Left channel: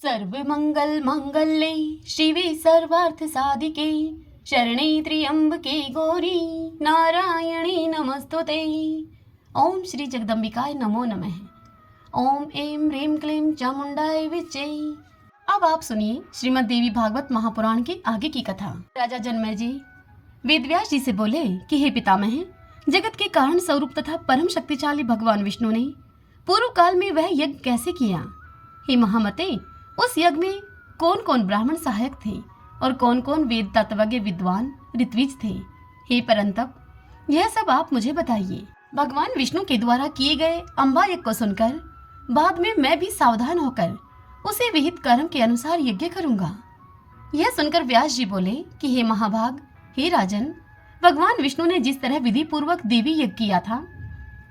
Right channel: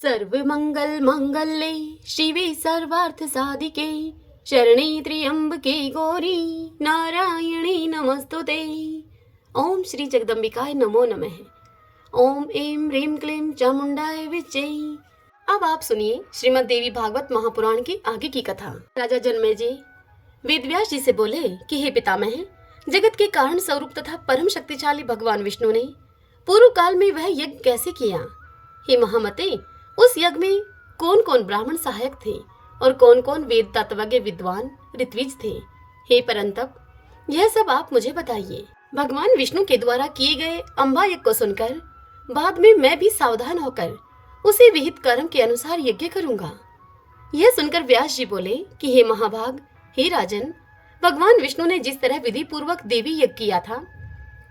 सर्वमंगल मांगल्ये शिवे सर्वार्थ साधिके शरणे त्र्यंबके गौरी नारायणी नमस्तुते। ओम श्री जगदम्बिकाय नमो नमः। ओम ऐं ह्रीं क्लीं चामुंडाय विच्चे। अब आप सुनिए श्रीमद् देवी भागवत महापुराण की आगे की कथा। राजा जन्मेजय वेदव्यास जी से बोले कि हे पितामह, जगत के कारण स्वरूप तथा परम शक्तिशाली भगवान विष्णु ने पूर्व काल में वह यज्ञ कैसे किया। हे महामते, उस यज्ञ में कौन कौन ब्राह्मण सहायक थे और कौन कौन वेद तत्वज्ञ विद्वान ऋत्विज थे। हे परंतप, यह सब आप मुझे बताइए। भगवान विष्णु के द्वारा किए गए अम्बा यज्ञ को सुनकर बाद में मैं भी सावधान होकर उसी विहित कर्म के अनुसार यज्ञ करूंगा। यह सुनकर व्यास जी बोले कि हे महाभाग, हे राजन, भगवान विष्णु ने जिस तरह विधि पूर्वक देवी यज्ञ किया था,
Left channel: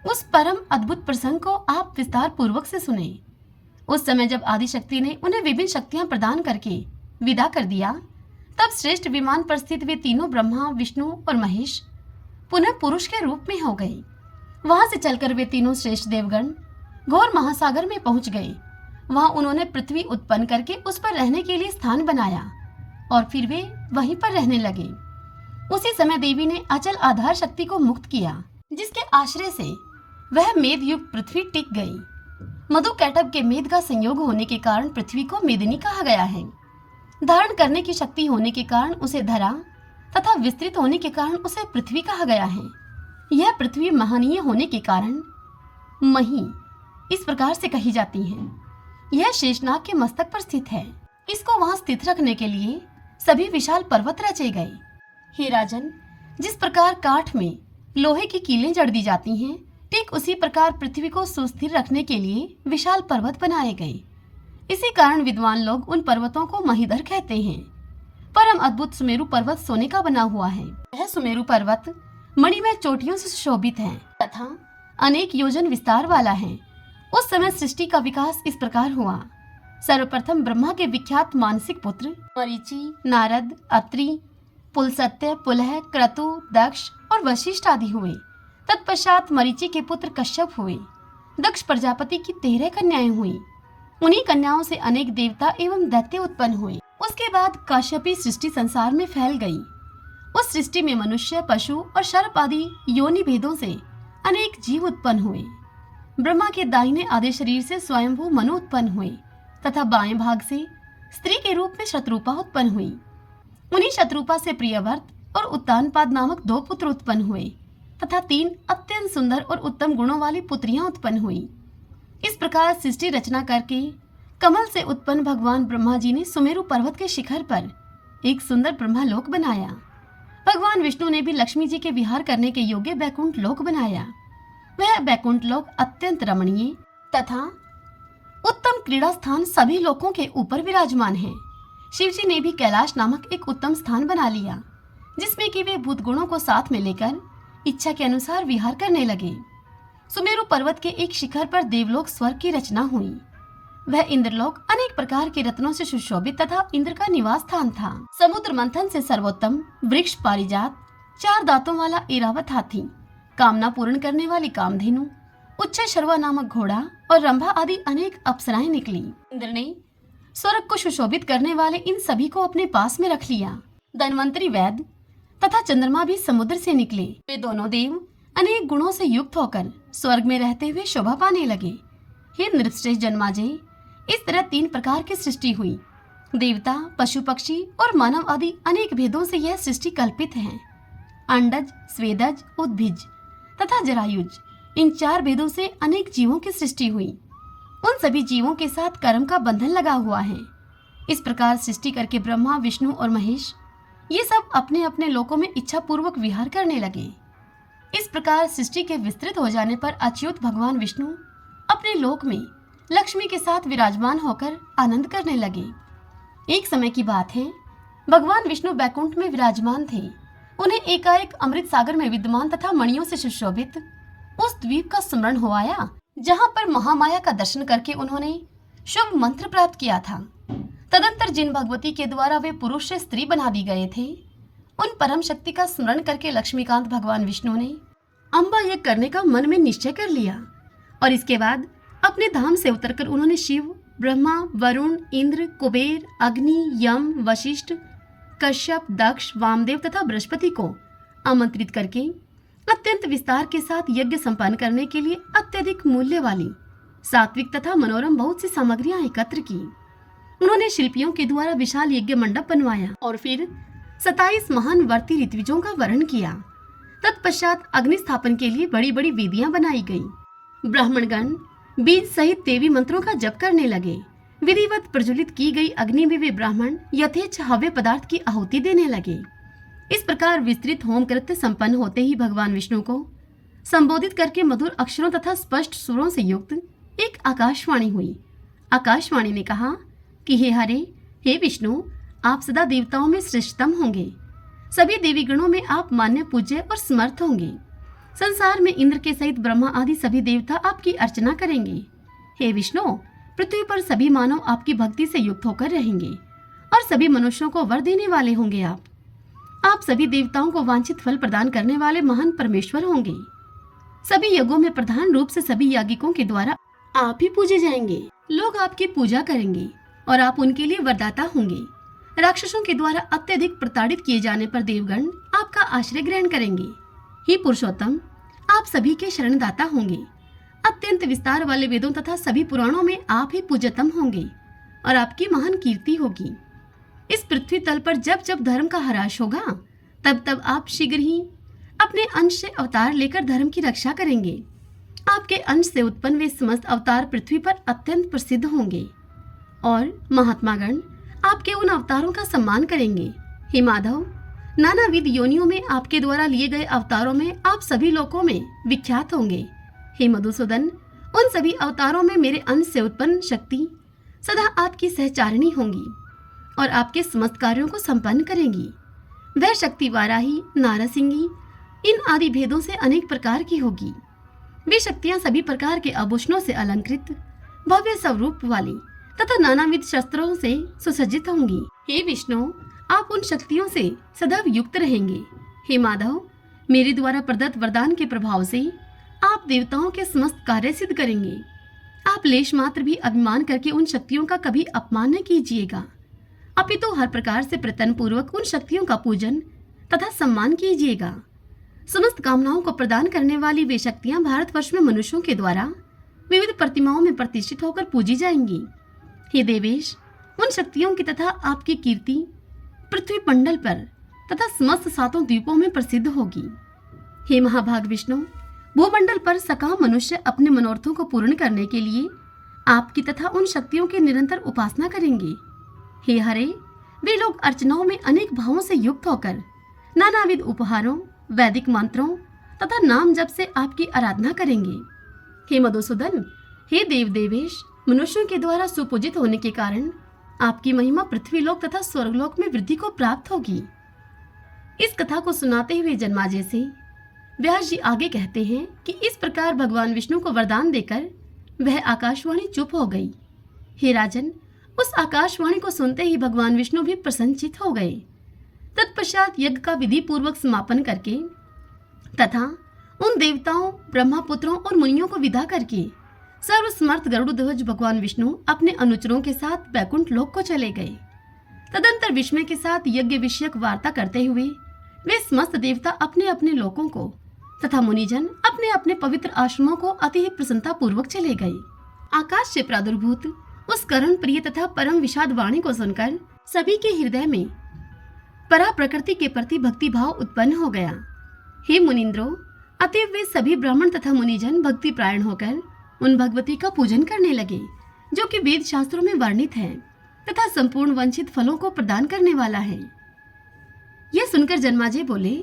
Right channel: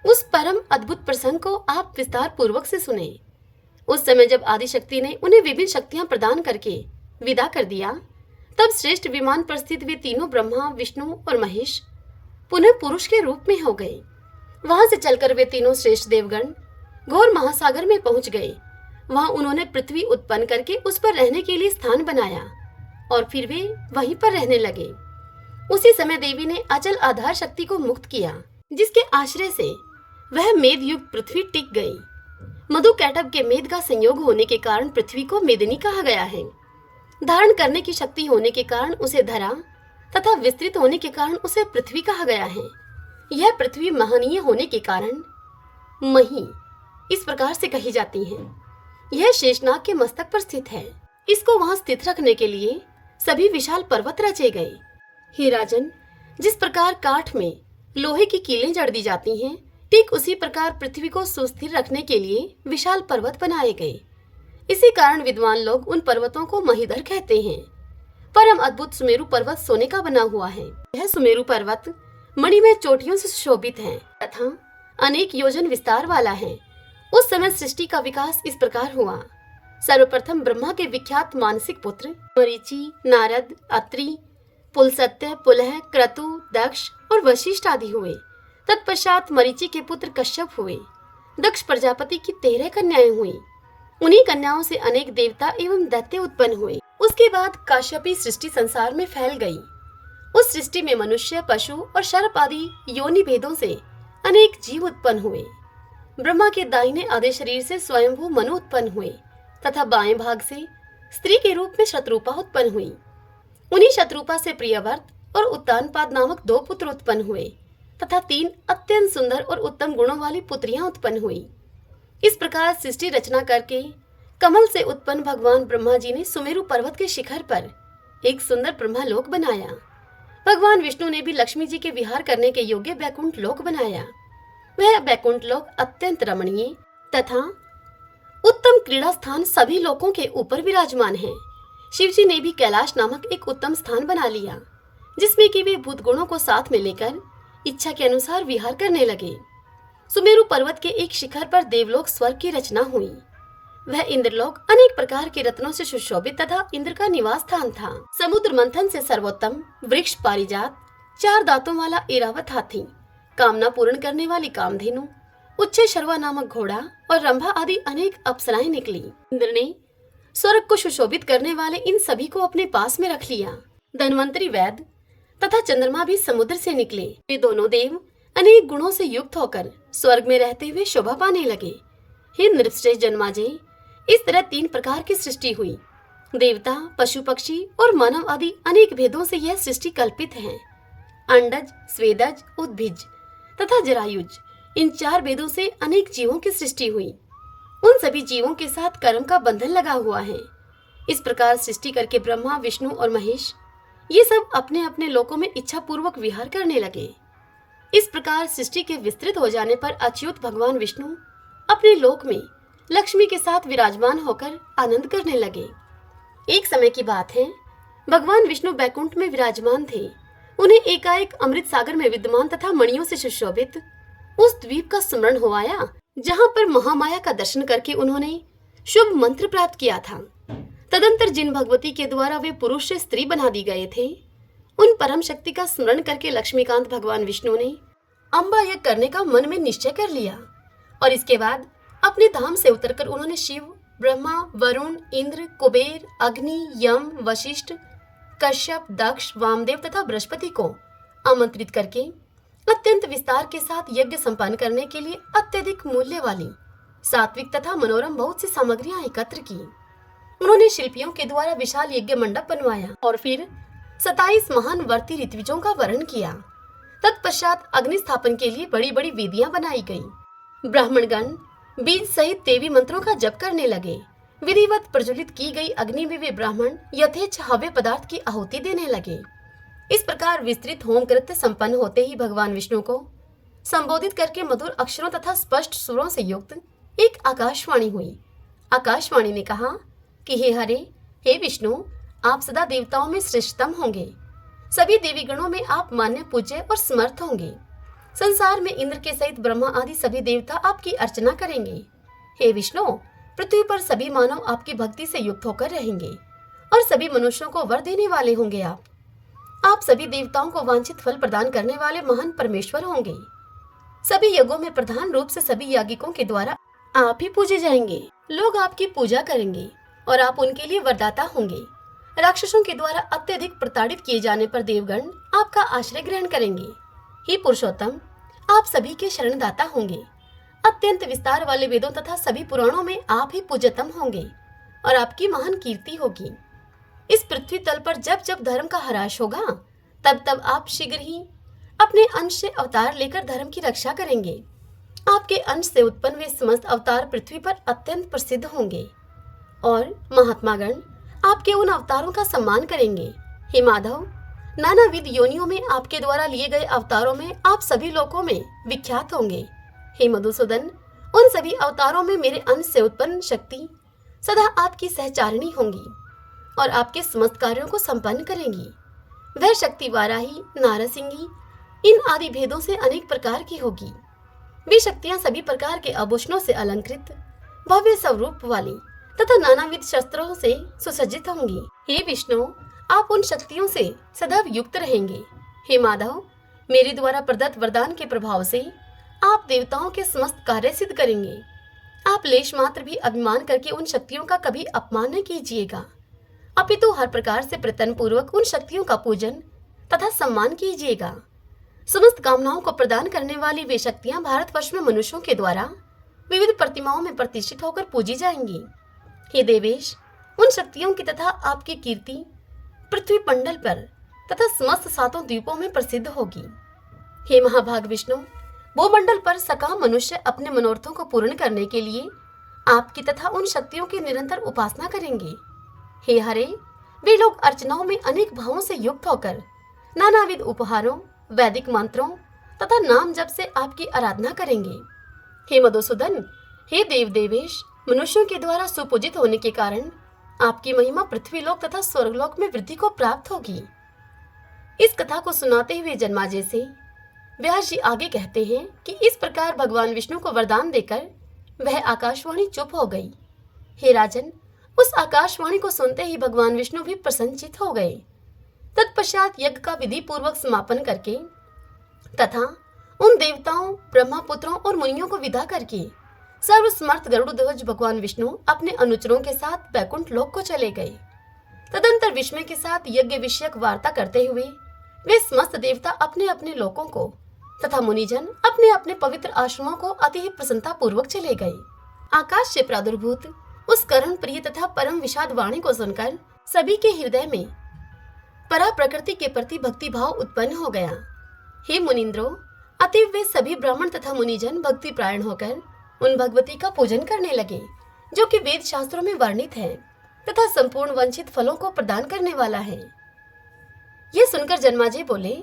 उस परम अद्भुत प्रसंग को आप विस्तार पूर्वक से सुने। उस समय जब आदिशक्ति ने उन्हें विभिन्न शक्तियां प्रदान करके विदा कर दिया, तब श्रेष्ठ विमान पर स्थित वे तीनों ब्रह्मा, विष्णु और महेश पुनः पुरुष के रूप में हो गए। वहां से चलकर वे तीनों श्रेष्ठ देवगण घोर महासागर में पहुंच गए। वहां उन्होंने पृथ्वी उत्पन्न करके उस पर रहने के लिए स्थान बनाया और फिर वे वहीं पर रहने लगे। उसी समय देवी ने अचल आधार शक्ति को मुक्त किया, जिसके आश्रय से वह मेद युक्त पृथ्वी टिक गई। मधु कैटभ के मेद का संयोग होने के कारण पृथ्वी को मेदिनी कहा गया है। धारण करने की शक्ति होने के कारण उसे धरा तथा विस्तृत होने के कारण उसे पृथ्वी कहा गया है। यह पृथ्वी महनीय होने के कारण मही इस प्रकार से कही जाती है। यह शेषनाग के मस्तक पर स्थित है। इसको वहां स्थित रखने के लिए सभी विशाल पर्वत रचे गए। हे राजन, जिस प्रकार काठ में लोहे की कीलें जड़ दी जाती हैं, ठीक उसी प्रकार पृथ्वी को सुस्थिर रखने के लिए विशाल पर्वत बनाए गए। इसी कारण विद्वान लोग उन पर्वतों को महीधर कहते हैं। परम अद्भुत सुमेरु पर्वत सोने का बना हुआ है। यह सुमेरु पर्वत मणिमय चोटियों से सुशोभित है तथा अनेक योजन विस्तार वाला है। उस समय सृष्टि का विकास इस प्रकार हुआ। सर्वप्रथम ब्रह्मा के विख्यात मानसिक पुत्र मरीचि, नारद, अत्रि, पुलसत्य, पुलह, क्रतु, दक्ष और वशिष्ठ आदि हुए। तत्पश्चात मरीचि के पुत्र कश्यप हुए। दक्ष प्रजापति की 13 कन्याएं हुई। उन्हीं कन्याओं से अनेक देवता एवं दैत्य उत्पन्न हुए। उसके बाद काश्यपी सृष्टि संसार में फैल गई। उस सृष्टि में मनुष्य, पशु और सर्प आदि योनि भेदों से अनेक जीव उत्पन्न हुए। ब्रह्मा के दाहिने आधे शरीर से स्वयंभू मनु उत्पन्न हुए तथा बाएं भाग से स्त्री के रूप में शत्रुपा उत्पन्न हुई। उन्हीं शत्रुपा से प्रियव्रत और उत्तानपाद नामक 2 पुत्र उत्पन्न हुए तथा 3 अत्यंत सुंदर और उत्तम गुणों वाली पुत्रियां उत्पन्न हुई। इस प्रकार सृष्टि रचना करके कमल से उत्पन्न भगवान ब्रह्मा जी ने सुमेरु पर्वत के शिखर पर एक सुंदर ब्रह्मालोक बनाया। भगवान विष्णु ने भी लक्ष्मी जी के विहार करने के योग्य बैकुंठ लोक बनाया। वह बैकुंठ लोक अत्यंत रमणीय तथा उत्तम क्रीड़ा स्थान सभी लोकों के ऊपर विराजमान है। शिव जी ने भी कैलाश नामक एक उत्तम स्थान बना लिया, जिसमें कि वे भूत गुणों को साथ में लेकर इच्छा के अनुसार विहार करने लगे। सुमेरु पर्वत के एक शिखर पर देवलोक स्वर्ग की रचना हुई। वह इंद्रलोक अनेक प्रकार के रत्नों से सुशोभित तथा इंद्र का निवास स्थान था। समुद्र मंथन से सर्वोत्तम वृक्ष पारिजात, 4 दांतों वाला ऐरावत हाथी, कामना पूर्ण करने वाली कामधेनु, उच्च शर्वा नामक घोड़ा और रंभा आदि अनेक अप्सराएं निकली। इंद्र ने स्वर्ग को सुशोभित करने वाले इन सभी को अपने पास में रख लिया। धन्वंतरी वैद्य तथा चंद्रमा भी समुद्र से निकले। वे दोनों देव अनेक गुणों से युक्त होकर स्वर्ग में रहते हुए शोभा पाने लगे। हे नृपश्रेष्ठ जन्माजय, इस तरह 3 प्रकार की सृष्टि हुई। देवता, पशु पक्षी और मानव आदि अनेक भेदों से यह सृष्टि कल्पित है। अंडज, स्वेदज, उद्भिज तथा जरायुज, इन 4 भेदों से अनेक जीवों की सृष्टि हुई। उन सभी जीवों के साथ कर्म का बंधन लगा हुआ है। इस प्रकार सृष्टि करके ब्रह्मा, विष्णु और महेश ये सब अपने अपने लोकों में इच्छा पूर्वक विहार करने लगे। इस प्रकार सृष्टि के विस्तृत हो जाने पर अच्युत भगवान विष्णु अपने लोक में लक्ष्मी के साथ विराजमान होकर आनंद करने लगे। एक समय की बात है, भगवान विष्णु बैकुंठ में विराजमान थे। उन्हें एकाएक अमृत सागर में विद्यमान तथा मणियों से सुशोभित उस द्वीप का स्मरण हो आया, जहाँ पर महामाया का दर्शन करके उन्होंने शुभ मंत्र प्राप्त किया था। तदंतर जिन भगवती के द्वारा वे पुरुष से स्त्री बना दी गए थे, उन परम शक्ति का स्मरण करके लक्ष्मीकांत भगवान विष्णु ने अम्बा यज्ञ करने का मन में निश्चय कर लिया और इसके बाद अपने धाम से उतरकर उन्होंने शिव ब्रह्मा, वरुण, इंद्र, कुबेर, अग्नि, यम, वशिष्ठ, कश्यप, दक्ष, वामदेव तथा बृहस्पति को आमंत्रित करके अत्यंत विस्तार के साथ यज्ञ संपन्न करने के लिए अत्यधिक मूल्य वाली सात्विक तथा मनोरम बहुत सी सामग्रियां एकत्र की। उन्होंने शिल्पियों के द्वारा विशाल यज्ञ मंडप बनवाया और फिर 27 महान वर्ती ऋत्विजों का वर्ण किया। तत्पश्चात अग्नि स्थापन के लिए बड़ी बड़ी वेदियां बनाई गई। ब्राह्मणगण बीज सहित देवी मंत्रों का जप करने लगे। विधिवत प्रज्वलित की गई अग्नि में वे ब्राह्मण यथेच्छ हव्य पदार्थ की आहुति देने लगे। इस प्रकार विस्तृत होम कृत्य संपन्न होते ही भगवान विष्णु को संबोधित करके मधुर अक्षरों तथा स्पष्ट सुरों से युक्त एक आकाशवाणी हुई। आकाशवाणी ने कहा कि हे हरे, हे विष्णु, आप सदा देवताओं में श्रेष्ठतम होंगे। सभी देवी गणों में आप मान्य, पूज्य और समर्थ होंगे। संसार में इंद्र के सहित ब्रह्मा आदि सभी देवता आपकी अर्चना करेंगे। हे विष्णु, पृथ्वी पर सभी मानव आपकी भक्ति से युक्त होकर रहेंगे और सभी मनुष्यों को वर देने वाले होंगे। आप सभी देवताओं को वांछित फल प्रदान करने वाले महान परमेश्वर होंगे। सभी यज्ञों में प्रधान रूप से सभी यागिकों के द्वारा आप ही पूजे जाएंगे। लोग आपकी पूजा करेंगे और आप उनके लिए वरदाता होंगे। राक्षसों के द्वारा अत्यधिक प्रताड़ित किए जाने पर देवगण आपका आश्रय ग्रहण करेंगे। हे पुरुषोत्तम, आप सभी के शरणदाता होंगे। अत्यंत विस्तार वाले वेदों तथा सभी पुराणों में आप ही पूज्यतम होंगे और आपकी महान कीर्ति होगी। इस पृथ्वी तल पर जब जब धर्म का ह्रास होगा तब तब आप शीघ्र ही अपने अंश से अवतार लेकर धर्म की रक्षा करेंगे। आपके अंश से उत्पन्न वे समस्त अवतार पृथ्वी पर अत्यंत प्रसिद्ध होंगे और महात्मागण आपके उन अवतारों का सम्मान करेंगे। हे माधव, नानाविध योनियों में आपके द्वारा लिए गए अवतारों में आप सभी लोकों में विख्यात होंगे। हे मधुसूदन, उन सभी अवतारों में मेरे अंश से उत्पन्न शक्ति सदा आपकी सहचारिणी होंगी और आपके समस्त कार्यों को संपन्न करेंगी। वह शक्ति वाराही, नारसिंगी इन आदि भेदों से अनेक प्रकार की होगी। वे शक्तियां सभी प्रकार के आभूषणों से अलंकृत, भव्य स्वरूप वाली तथा नानाविध शस्त्रों से सुसज्जित होंगी। हे विष्णु, आप उन शक्तियों से सदैव युक्त रहेंगे। हे माधव, मेरे द्वारा प्रदत्त वरदान के प्रभाव से आप देवताओं के समस्त कार्य सिद्ध करेंगे। आप लेश मात्र भी अभिमान करके उन शक्तियों का कभी अपमान न कीजिएगा, अपितु हर प्रकार से प्रयत्न पूर्वक उन शक्तियों का पूजन तथा सम्मान कीजिएगा। समस्त कामनाओं को प्रदान करने वाली वे शक्तियां भारतवर्ष में मनुष्यों के द्वारा विविध प्रतिमाओं में प्रतिष्ठित होकर पूजी जाएंगी। हे देवेश, उन शक्तियों की तथा आपकी कीर्ति पृथ्वी मंडल पर तथा समस्त सातों द्वीपों में प्रसिद्ध होगी। हे महाभाग विष्णु, भूमंडल पर सकाम मनुष्य अपने मनोरथों को पूर्ण करने के लिए आपकी तथा उन शक्तियों की निरंतर उपासना करेंगे। हे हरे, वे लोग अर्चनाओं में अनेक भावों से युक्त होकर नानाविध उपहारों, वैदिक मंत्रों तथा नाम जप से आपकी आराधना करेंगे। हे मधुसूदन, हे देव देवेश, मनुष्यों के द्वारा सुपूजित होने के कारण आपकी महिमा पृथ्वीलोक तथा स्वर्गलोक में वृद्धि को प्राप्त होगी। इस कथा को सुनाते हुए जन्माजय से व्यास जी आगे कहते हैं कि इस प्रकार भगवान विष्णु को वरदान देकर वह आकाशवाणी चुप हो गई। हे राजन, उस आकाशवाणी को सुनते ही भगवान विष्णु भी प्रसन्नचित्त हो गए। तत्पश्चात यज्ञ का विधि पूर्वक समापन करके तथा उन देवताओं, ब्रह्मापुत्रों और मुनियों को विदा करके सर्वसमर्थ गरुड़ध्वज भगवान विष्णु अपने अनुचरों के साथ वैकुंठ लोक को चले गए। तदंतर विस्मय के साथ यज्ञ विषयक वार्ता करते हुए वे समस्त देवता अपने अपने लोकों को तथा मुनिजन अपने अपने पवित्र आश्रमों को अति ही प्रसन्नता पूर्वक चले गए। आकाश से प्रादुर्भूत उस करुण प्रिय तथा परम विषाद वाणी को सुनकर सभी के हृदय में परा प्रकृति के प्रति भक्ति भाव उत्पन्न हो गया। हे मुनिंद्रो, अतएव वे सभी ब्राह्मण तथा मुनिजन भक्ति प्रायण होकर उन भगवती का पूजन करने लगे जो कि वेद शास्त्रों में वर्णित है तथा संपूर्ण वंचित फलों को प्रदान करने वाला है। यह सुनकर जन्माजय बोले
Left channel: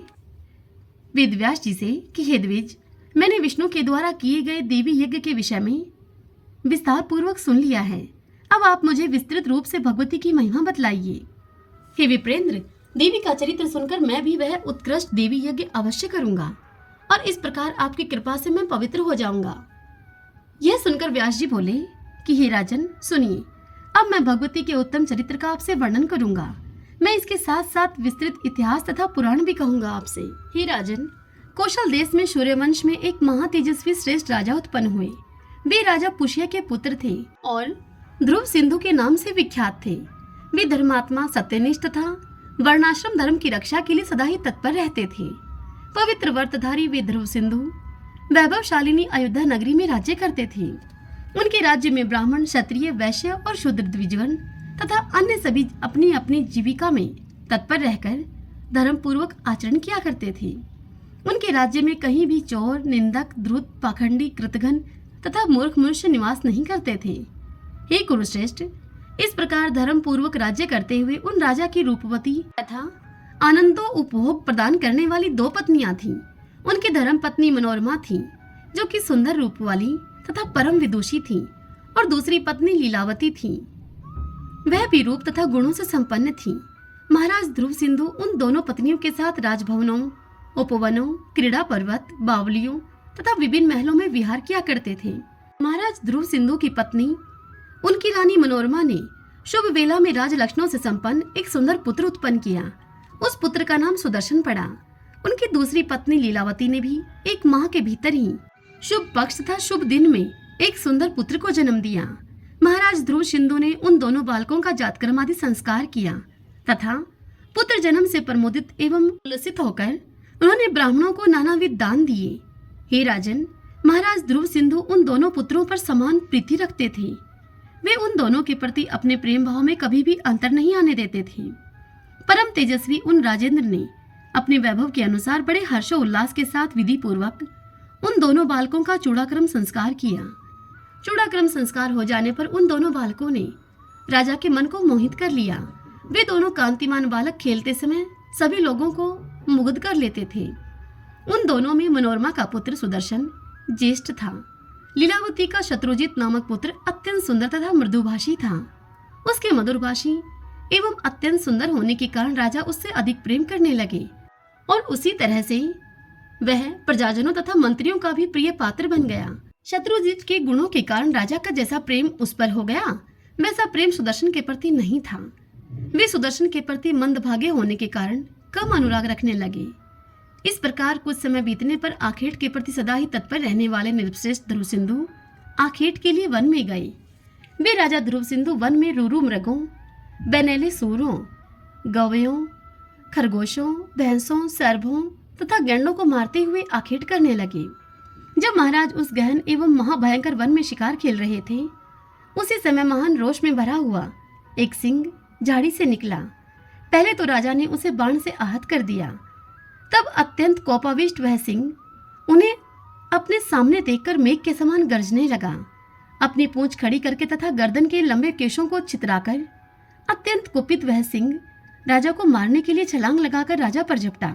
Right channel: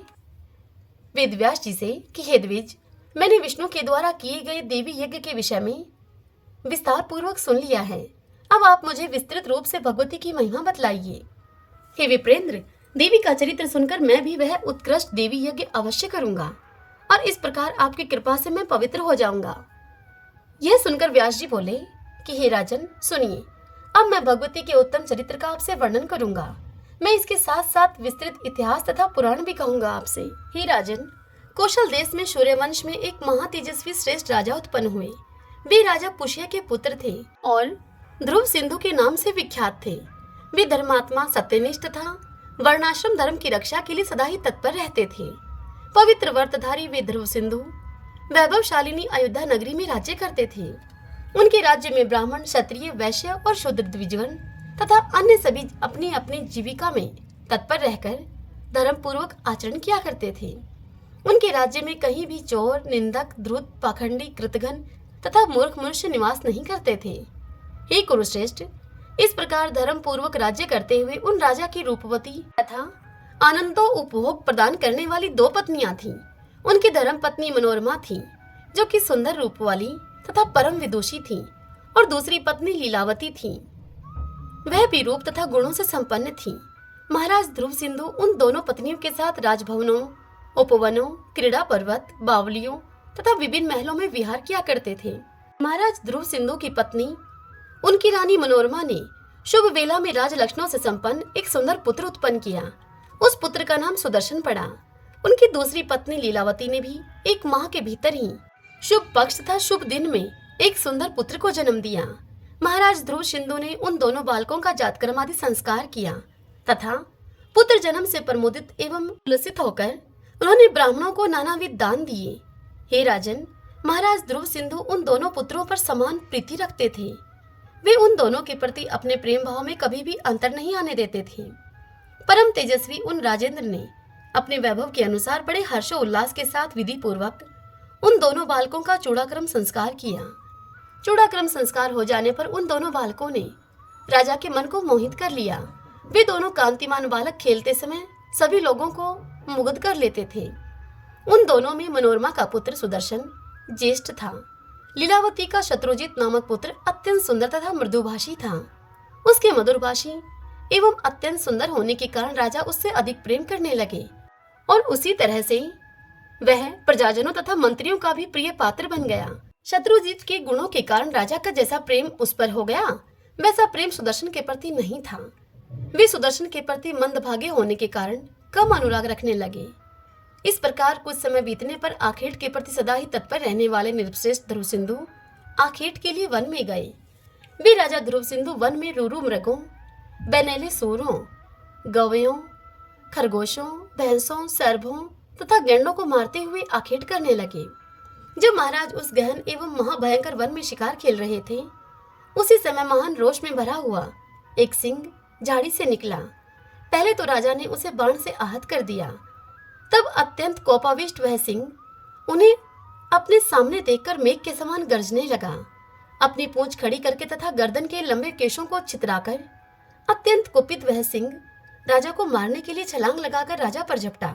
वेदव्यास जी से कि हे द्विज, मैंने विष्णु के द्वारा किए गए देवी यज्ञ के विषय में विस्तार पूर्वक सुन लिया है। अब आप मुझे विस्तृत रूप से भगवती की महिमा बतलाइए। हे विप्रेंद्र, देवी का चरित्र सुनकर मैं भी वह उत्कृष्ट देवी यज्ञ अवश्य करूंगा और इस प्रकार आपकी कृपा से मैं पवित्र हो जाऊंगा। यह सुनकर व्यास जी बोले कि हे राजन, सुनिए, अब मैं भगवती के उत्तम चरित्र का आपसे वर्णन करूंगा। मैं इसके साथ साथ विस्तृत इतिहास तथा पुराण भी कहूंगा आपसे। हे राजन, कौशल देश में सूर्यवंश में एक महातेजस्वी श्रेष्ठ राजा उत्पन्न हुए। वे राजा पुष्य के पुत्र थे और ध्रुव सिंधु के नाम से विख्यात थे। वे धर्मात्मा, सत्यनिष्ठ तथा वर्णाश्रम धर्म की रक्षा के लिए सदा ही तत्पर रहते थे। पवित्र व्रतधारी वे ध्रुव सिंधु वैभवशालिनी अयोध्या नगरी में राज्य करते थे। उनके राज्य में ब्राह्मण, क्षत्रिय, वैश्य और शूद्र द्विजगण तथा अन्य सभी अपनी अपनी जीविका में तत्पर रहकर धर्म पूर्वक आचरण किया करते थे। उनके राज्य में कहीं भी चोर, निंदक, धूर्त, पाखंडी, कृतघ्न तथा मूर्ख मनुष्य निवास नहीं करते थे। हे कुरुश्रेष्ठ, इस प्रकार धर्म पूर्वक राज्य करते हुए उन राजा की रूपवती तथा आनंदो उपभोग प्रदान करने वाली 2 पत्नियां थीं। उनकी धर्म पत्नी मनोरमा थी, जो कि सुंदर रूप वाली तथा परम विदुषी थी, और दूसरी पत्नी लीलावती थी। वह भी रूप तथा गुणों से संपन्न थी। महाराज ध्रुव सिंधु उन दोनों पत्नियों के साथ राजभवनों, उपवनों, क्रीड़ा पर्वत, बावलियों तथा विभिन्न महलों में विहार किया करते थे। महाराज ध्रुव सिंधु की पत्नी उनकी रानी मनोरमा ने शुभ वेला में राज लक्षणों से संपन्न एक सुंदर पुत्र उत्पन्न किया। उस पुत्र का नाम सुदर्शन पड़ा। उनकी दूसरी पत्नी लीलावती ने भी 1 माह के भीतर ही शुभ पक्ष तथा शुभ दिन में एक सुंदर पुत्र को जन्म दिया। महाराज ध्रुव सिंधु ने उन दोनों बालकों का जातकर्म आदि संस्कार किया तथा पुत्र जन्म से प्रमोदित एवं उल्लसित होकर उन्होंने ब्राह्मणों को नानाविध दान दिए। हे राजन, महाराज ध्रुव सिंधु उन दोनों पुत्रों पर समान प्रीति रखते थे। वे उन दोनों के प्रति अपने प्रेम भाव में कभी भी अंतर नहीं आने देते थे। परम तेजस्वी उन राजेंद्र ने अपने वैभव के अनुसार बड़े हर्षोल्लास के साथ विधि पूर्वक उन दोनों बालकों का चूड़ाक्रम संस्कार किया। चूड़ाक्रम संस्कार हो जाने पर उन दोनों बालकों ने राजा के मन को मोहित कर लिया। वे दोनों कांतिमान बालक खेलते समय सभी लोगों को मुग्ध कर लेते थे। उन दोनों में मनोरमा का पुत्र सुदर्शन ज्येष्ठ था। लीलावती का शत्रुजित नामक पुत्र अत्यंत सुंदर तथा मृदुभाषी था। उसके मधुरभाषी एवं अत्यंत सुंदर होने के कारण राजा उससे अधिक प्रेम करने लगे, और उसी तरह से वह प्रजाजनों तथा मंत्रियों का भी प्रिय पात्र बन गया। शत्रुजित के गुणों के कारण राजा का जैसा प्रेम उस पर हो गया, वैसा प्रेम सुदर्शन के प्रति नहीं था। वे सुदर्शन के प्रति मंदभागे होने के कारण कम अनुराग रखने लगे। इस प्रकार कुछ समय बीतने पर आखेट के प्रति सदा ही तत्पर रहने वाले निर्श्रेष्ठ ध्रुव सिंधु आखेट के लिए वन में गए। वे राजा ध्रुव सिंधु वन में रूरू मृगों, बेनेले सूरों, गवयों, खरगोशों, भैंसों, सर्भों तथा गैंडों को मारते हुए आखेट करने लगे। जब महाराज उस गहन एवं महाभयंकर वन में शिकार खेल रहे थे, उसी समय महान रोष में भरा हुआ एक सिंह झाड़ी से निकला। पहले तो राजा ने उसे बाण से आहत कर दिया। तब अत्यंत कोपाविष्ट वह सिंह उन्हें अपने सामने देखकर मेघ के समान गरजने लगा। अपनी पूंछ खड़ी करके तथा गर्दन के लंबे केशों को छितराकर अत्यंत कुपित वह सिंह राजा को मारने के लिए छलांग लगाकर राजा पर झपटा।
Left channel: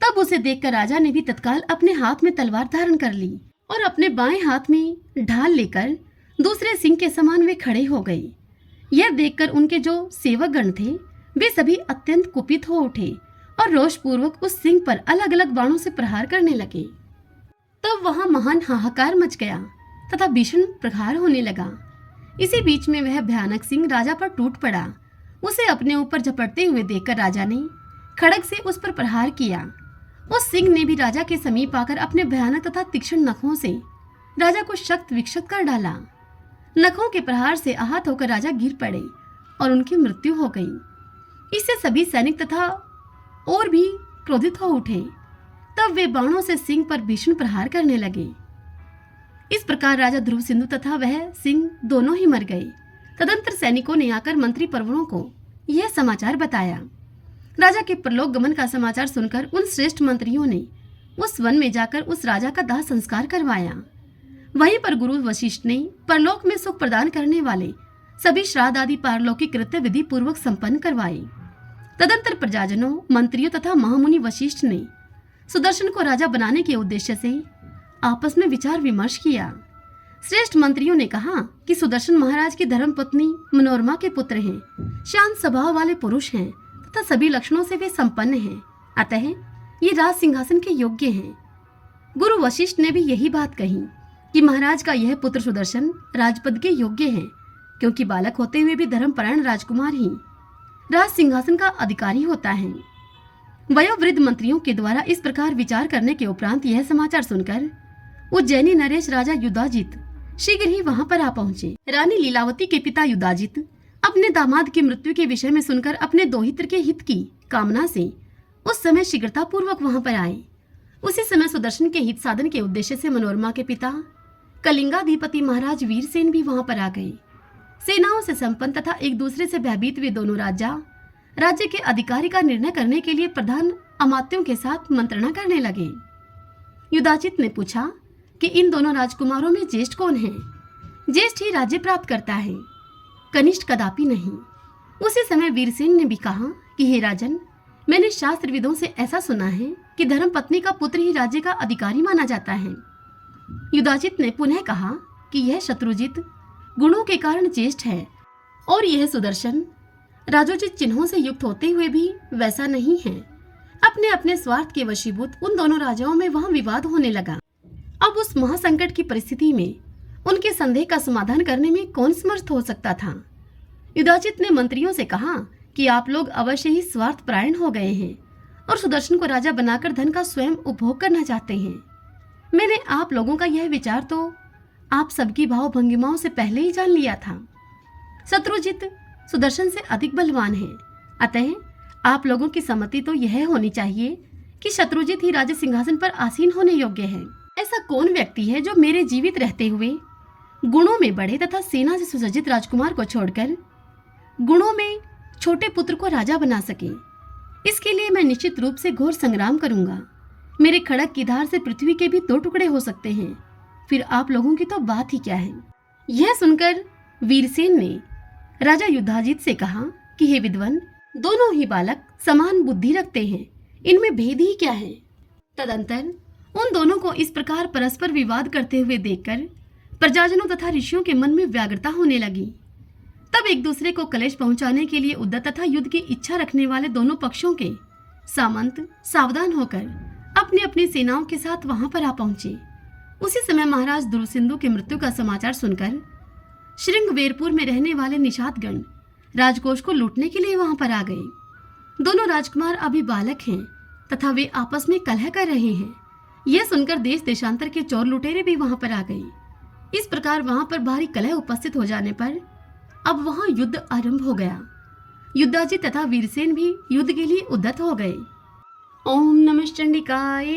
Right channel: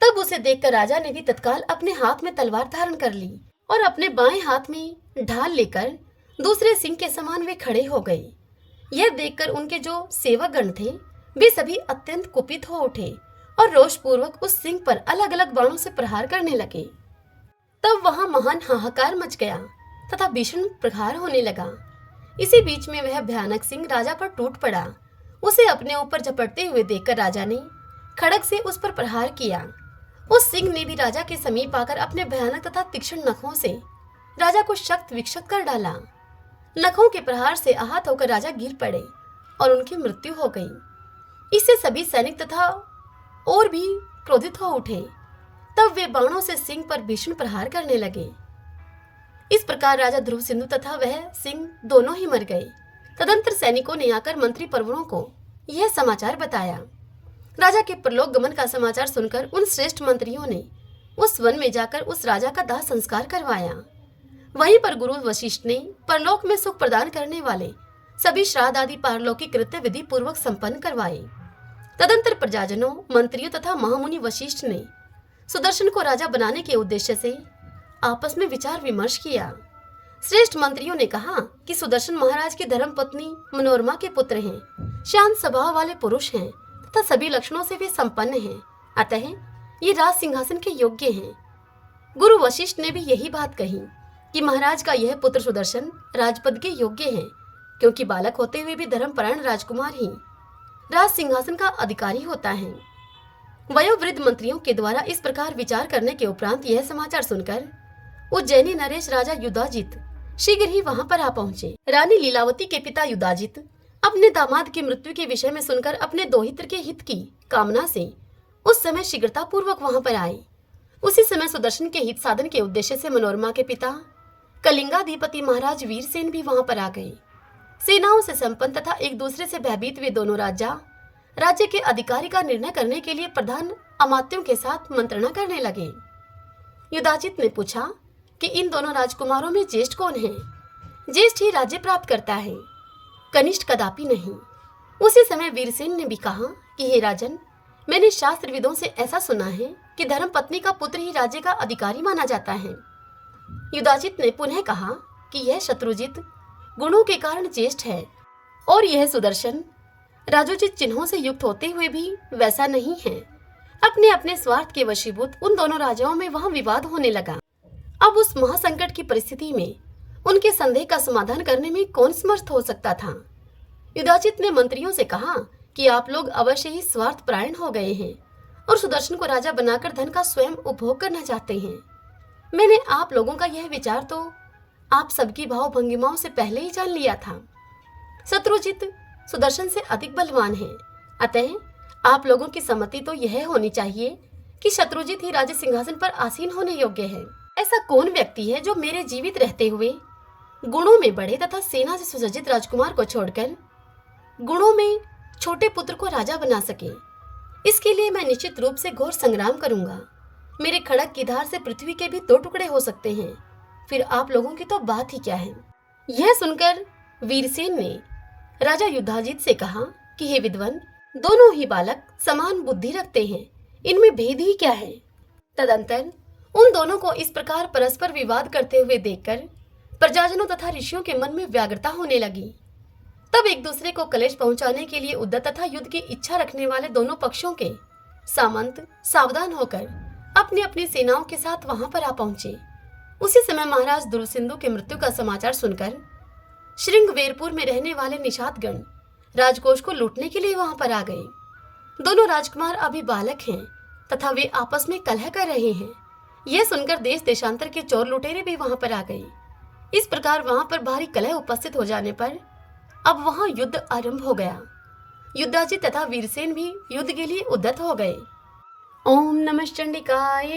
तब उसे देखकर राजा ने भी तत्काल अपने हाथ में तलवार धारण कर ली और अपने बाएं हाथ में ढाल लेकर दूसरे सिंह के समान वे खड़े हो गए। यह देखकर उनके जो सेवकगण थे, वे सभी अत्यंत कुपित हो उठे और रोषपूर्वक उस सिंह पर अलग अलग बाणों से प्रहार करने लगे। तब वहां महान हाहाकार मच गया तथा भीषण प्रहार होने लगा। इसी बीच में वह भयानक सिंह राजा पर टूट पड़ा। उसे अपने ऊपर झपटते हुए देखकर राजा ने खड़ग से उस पर प्रहार किया। उस सिंह ने भी राजा के समीप आकर अपने भयानक तथा तीक्ष्ण नखों से राजा को शक्त विक्षत कर डाला। नखों के प्रहार से आहत होकर राजा गिर पड़े और उनकी मृत्यु हो गई। इससे सभी सैनिक तथा और भी क्रोधित हो उठे। तब वे बाणों से सिंह पर भीषण प्रहार करने लगे। इस प्रकार राजा ध्रुव सिंधु तथा वह सिंह दोनों ही मर गए। तदंतर सैनिकों ने आकर मंत्री परवरों को यह समाचार बताया। राजा के परलोक गमन का समाचार सुनकर उन श्रेष्ठ मंत्रियों ने उस वन में जाकर उस राजा का दाह संस्कार करवाया। वहीं पर गुरु वशिष्ठ ने परलोक में सुख प्रदान करने वाले सभी श्राद्ध आदि पारलौकिक कृत्य विधि पूर्वक संपन्न करवाए। तदंतर प्रजाजनों, मंत्रियों तथा महामुनि वशिष्ठ ने सुदर्शन को राजा बनाने के उद्देश्य से आपस में विचार विमर्श किया। श्रेष्ठ मंत्रियों ने कहा कि सुदर्शन महाराज की धर्मपत्नी मनोरमा के पुत्र हैं, शांत स्वभाव वाले पुरुष हैं तथा सभी लक्षणों से वे संपन्न हैं, अतः ये राज सिंहासन के योग्य हैं। गुरु वशिष्ठ ने भी यही बात कही कि महाराज का यह पुत्र सुदर्शन राजपद के योग्य है, क्योंकि बालक होते हुए भी धर्मपरायण राजकुमार ही राज सिंहासन का अधिकारी होता है। वयोवृद्ध मंत्रियों के द्वारा इस प्रकार विचार करने के उपरांत यह समाचार सुनकर उज्जैनी नरेश राजा युधाजित शीघ्र ही वहां पर आ पहुंचे। रानी लीलावती के पिता युधाजित अपने दामाद की मृत्यु के विषय में सुनकर अपने दोहित्र के हित की कामना से उस समय शीघ्रता पूर्वक वहां पर आए। उसी समय सुदर्शन के हित साधन के उद्देश्य से मनोरमा के पिता कलिंगाधिपति महाराज वीरसेन भी वहां पर आ गए। सेनाओं से संपन्न तथा एक दूसरे से भयभीत वे दोनों राजा राज्य के अधिकारी का निर्णय करने के लिए प्रधान अमात्यों के साथ मंत्रणा करने लगे। युधाजित ने पूछा कि इन दोनों राजकुमारों में ज्येष्ठ कौन है? ज्येष्ठ ही राज्य प्राप्त करता है, कनिष्ठ कदापि नहीं। उसी समय वीरसेन ने भी कहा कि हे राजन, मैंने शास्त्रविदों से ऐसा सुना है कि धर्म पत्नी का पुत्र ही राज्य का अधिकारी माना जाता है। युधाजित ने पुनः कहा कि यह शत्रुजित गुणों के कारण ज्येष्ठ है और यह सुदर्शन राजोचित चिन्हों से युक्त होते हुए भी वैसा नहीं है। अपने अपने स्वार्थ के वशीभूत उन दोनों राजाओं में वहां विवाद होने लगा। अब उस महासंकट की परिस्थिति में उनके संदेह का समाधान करने में कौन समर्थ हो सकता था? युधाजित ने मंत्रियों से कहा कि आप लोग अवश्य ही स्वार्थ परायण हो गए हैं और सुदर्शन को राजा बनाकर धन का स्वयं उपभोग करना चाहते हैं। मैंने आप लोगों का यह विचार तो आप सबकी भाव भंगिमाओं से पहले ही जान लिया था। शत्रुजित सुदर्शन से अधिक बलवान है, अतः आप लोगों की सम्मति तो यह होनी चाहिए कि शत्रुजित ही राज सिंहासन पर आसीन होने योग्य है। ऐसा कौन व्यक्ति है जो मेरे जीवित रहते हुए गुणों में बड़े तथा सेना से सुसज्जित राजकुमार को छोड़कर गुणों में छोटे पुत्र को राजा बना सके? इसके लिए मैं निश्चित रूप से घोर संग्राम करूंगा। मेरे खड़क की धार से पृथ्वी के भी 2 टुकड़े हो सकते हैं, फिर आप लोगों की तो बात ही क्या है। यह सुनकर वीरसेन ने राजा युधाजित से कहा कि हे विद्वान, दोनों ही बालक समान बुद्धि रखते हैं, इनमें भेद ही क्या है? तदंतर उन दोनों को इस प्रकार परस्पर विवाद करते हुए देखकर प्रजाजनों तथा ऋषियों के मन में व्याग्रता होने लगी। तब एक दूसरे को कलेश पहुंचाने के लिए उद्यत तथा युद्ध की इच्छा रखने वाले दोनों पक्षों के सामंत सावधान होकर अपनी अपनी सेनाओं के साथ वहां पर आ पहुंचे। उसी समय महाराज दुर्सिंधु के मृत्यु का समाचार सुनकर श्रृंगवेरपुर में रहने वाले निषादगण राजकोष को लूटने के लिए वहां पर आ गए। दोनों राजकुमार अभी बालक हैं तथा वे आपस में कलह कर रहे हैं। यह सुनकर देश देशांतर के चोर लुटेरे भी वहां पर आ गए। इस प्रकार वहां पर भारी कलह उपस्थित हो जाने पर अब वहां युद्ध आरंभ हो गया। युधाजित तथा वीरसेन भी युद्ध के लिए उद्यत हो गए। ओम नमः चंडिकाय।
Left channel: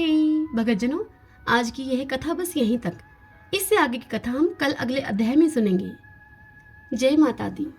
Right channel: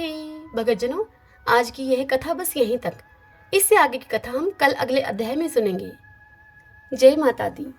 भगतजनों, आज की यह कथा बस यहीं तक। इससे आगे की कथा हम कल अगले अध्याय में सुनेंगे। जय माता दी।